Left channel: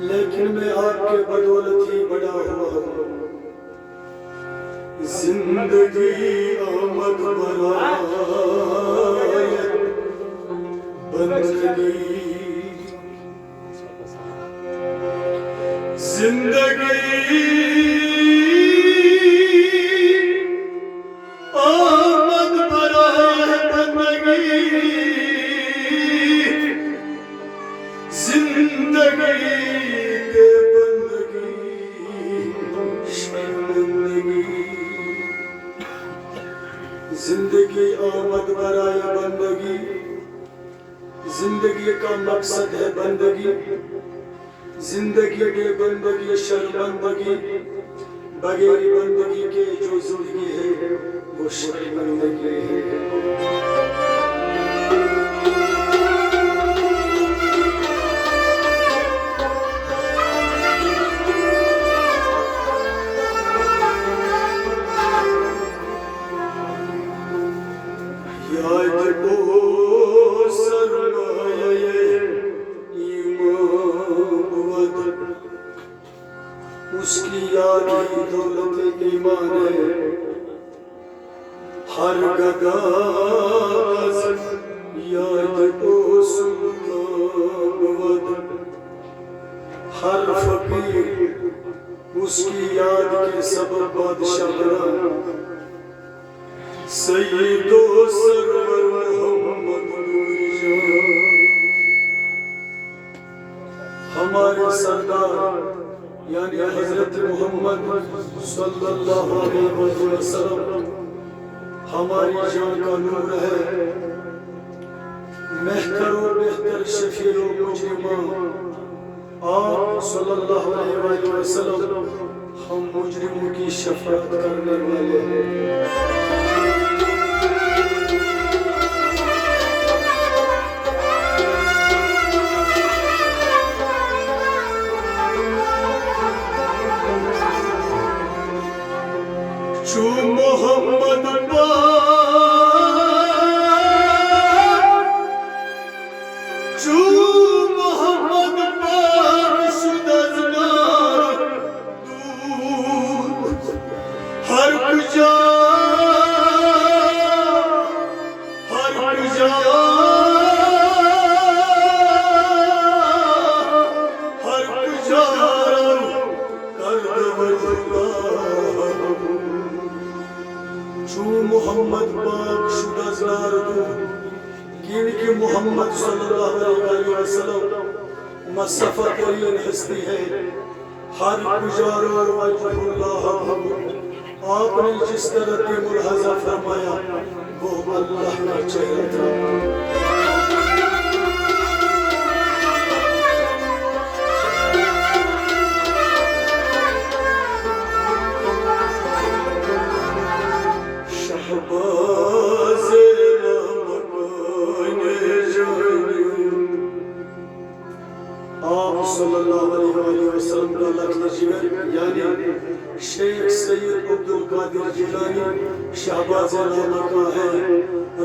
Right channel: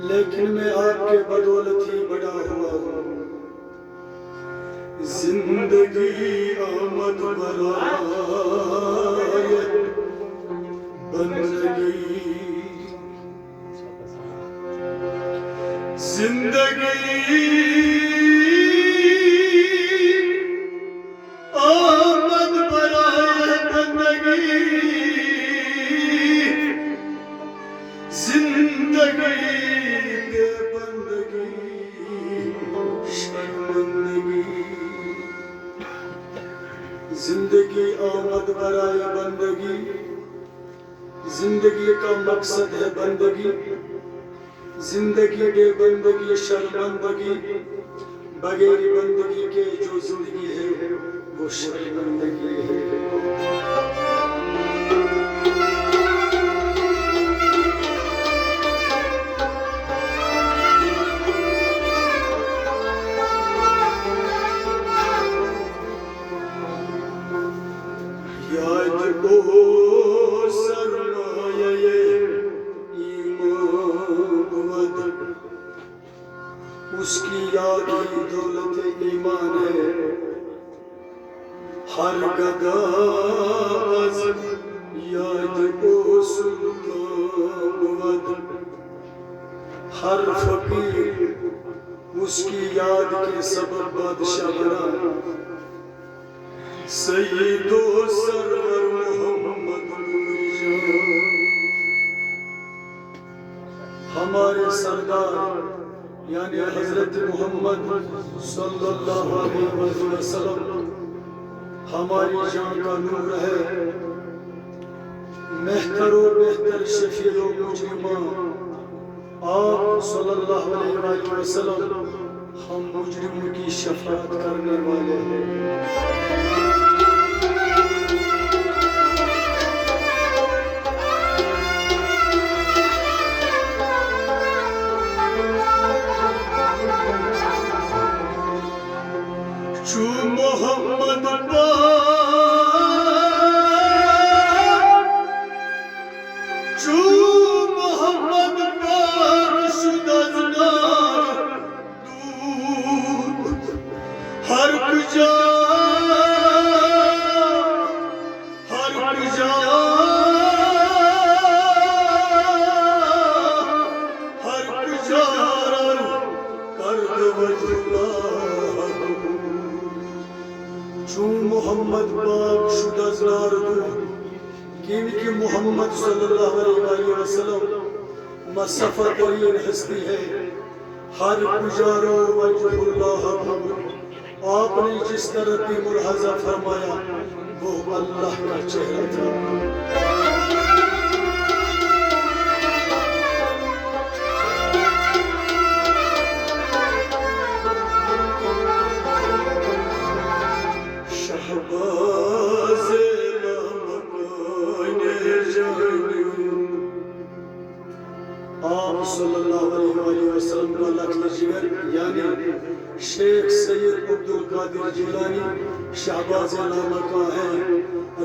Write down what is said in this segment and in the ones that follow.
लेकिन मैं आपके बदौलत ही बड़ा हुआ हूँ। जिंदगी आमद बरायत बंदगी, जिंदगी आमद बरायत बंदगी, जिंदगी के बंदगी शर्मिंदगी। जिंदगी आमद बराए बंदगी, जिंदगी का मकसद है बंदगी। जिंदगी के बंदगी शर्मिंदगी, बगैर बंदगी के जो जिंदगी है वो शर्मिंदगी है। उसकी याद ही दौलत ईमान है। हर गगाज याद को सुल्तान, हर फकीर उसकी याद के सबब बादशाह बना। सय्यदो सरवर मोहम्मद हमारे सरदार यानी हजरत मोहम्मद सल्लल्लाहु अलैहि वसल्लम हमारी जान का नूर है। मेहतरो बेहतर शफीओ मुजरिमा आप सल्लल्लाहु अलैहि वसल्लम हम मुजरिमों की शफाअत करने वाले हैं। चू मोहम्मद चू मोहम्मद पार शुदजनार दूर हर कुजा हर कुजा हर कुजा कर वजुला चू मोहम्मद पाक शुदजनार दूर कि मोहम्मद सल्लल्लाहु अलैहि वसल्लम मसफ़ा तरीन हस्ती है। हर गुजारो वजहुल्लाह आपने जिस तरह की मुलाहजा फरमाया वो अल्लाह का चेहरा था। आप सल्लल्लाहु अलैहि वसल्लम का लख्त जिगर यानी शेख सैयद अब्दुल कादिर जिलानी शहबाज का है।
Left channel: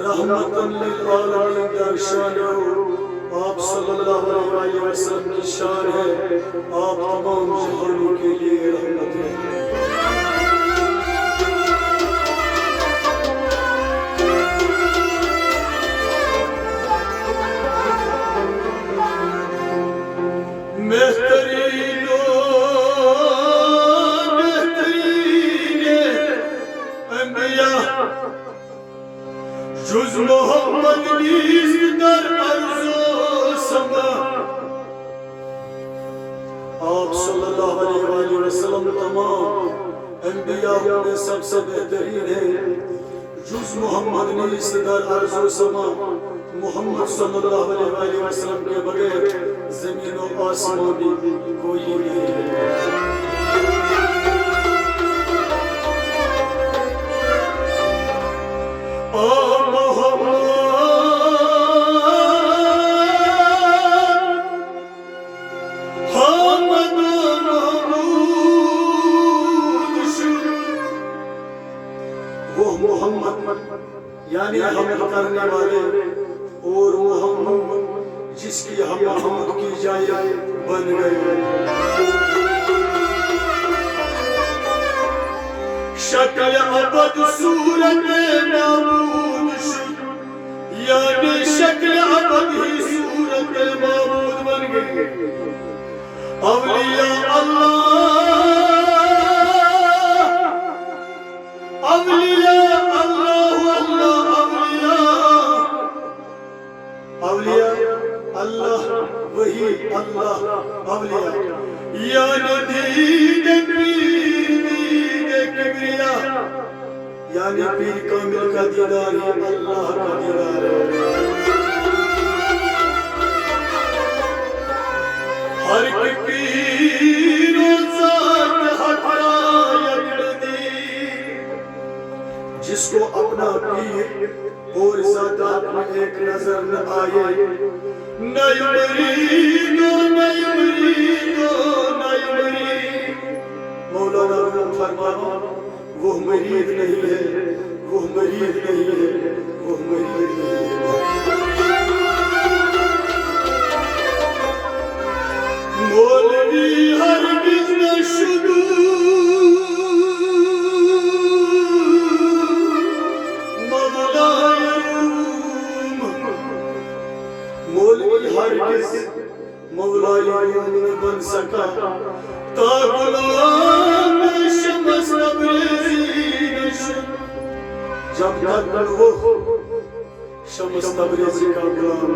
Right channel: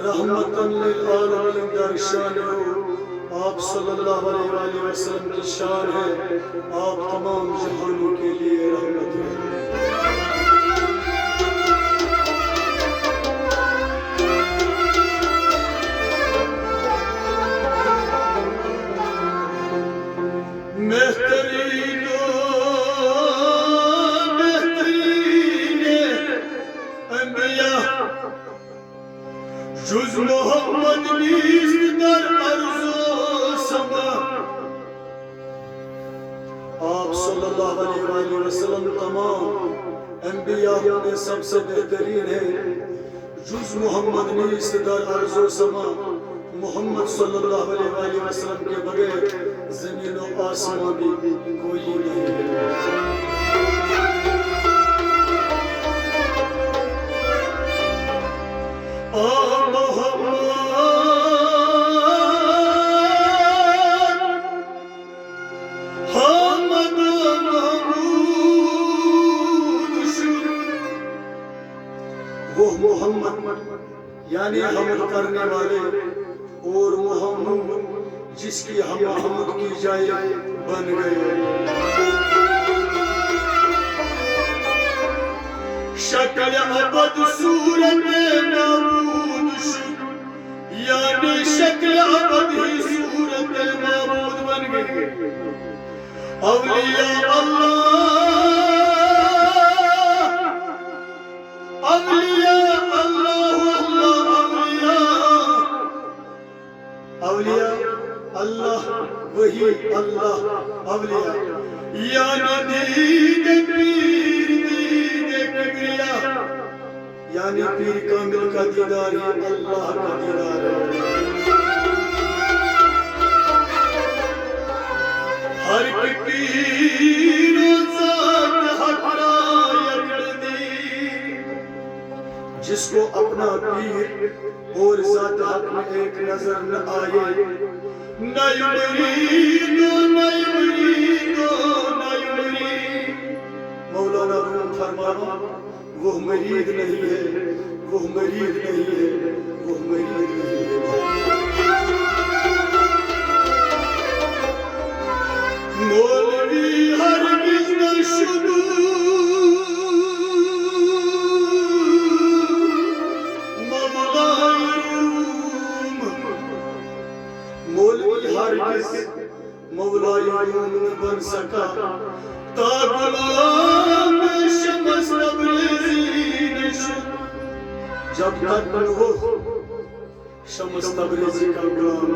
रहमतन लिल आलमीन का शान आप सल्लल्लाहु अलैहि वसल्लम की शान है। आप तमाम जहानों के लिए रहमत हैं। जुज़ मोहम्मद नीज़ दर अर्ज़ो समा आप सल्लल्लाहु अलैहि वसल्लम तमाम अंबिया में सबसे बेहतरीन है। जुज़ मोहम्मद नीज़ दर अर्ज़ो समा मोहम्मद सल्लल्लाहु अलैहि वसल्लम के बगैर ज़मीन और आसमां भी कोई नहीं है। वो मोहम्मद यानी हमल करने वाले और मोहम्मद जिसके जिसकी हम हमद की जाए बन गए। शक्ल अबद सूरत माबूद शुद, यानी शक्ल अबद ही सूरत माबूद बन गई। अवलिया अल्लाह, अवलिया अल्लाह, अल्लाह अवलिया, अवलिया अल्लाह वही अल्लाह अवलिया, यानी दीद पीर दीद किबरिया, यानी पीर कामिल का दीदार ही अल्लाह का दीदार है। हर एक पीर ज़ात हक़रा यकदी, जिसको अपना पीर और ज़ात हक़ में एक नजर न आए, नई मरीदो नई मरीदो नई मरीद। मौलाना रूम फरमाना वो मरीद नहीं है, वो मरीद नहीं है, वो मरीद नहीं है। मौलवी हरगिज़ न शुदू, मौलाए रूम, मौलवी हरगिज़ मौलाए रूम न बन सका, ता गुलाम शम्स तबरेज़ी न शुद, जब तक वो शम्स तबरेज़ी का गुलाम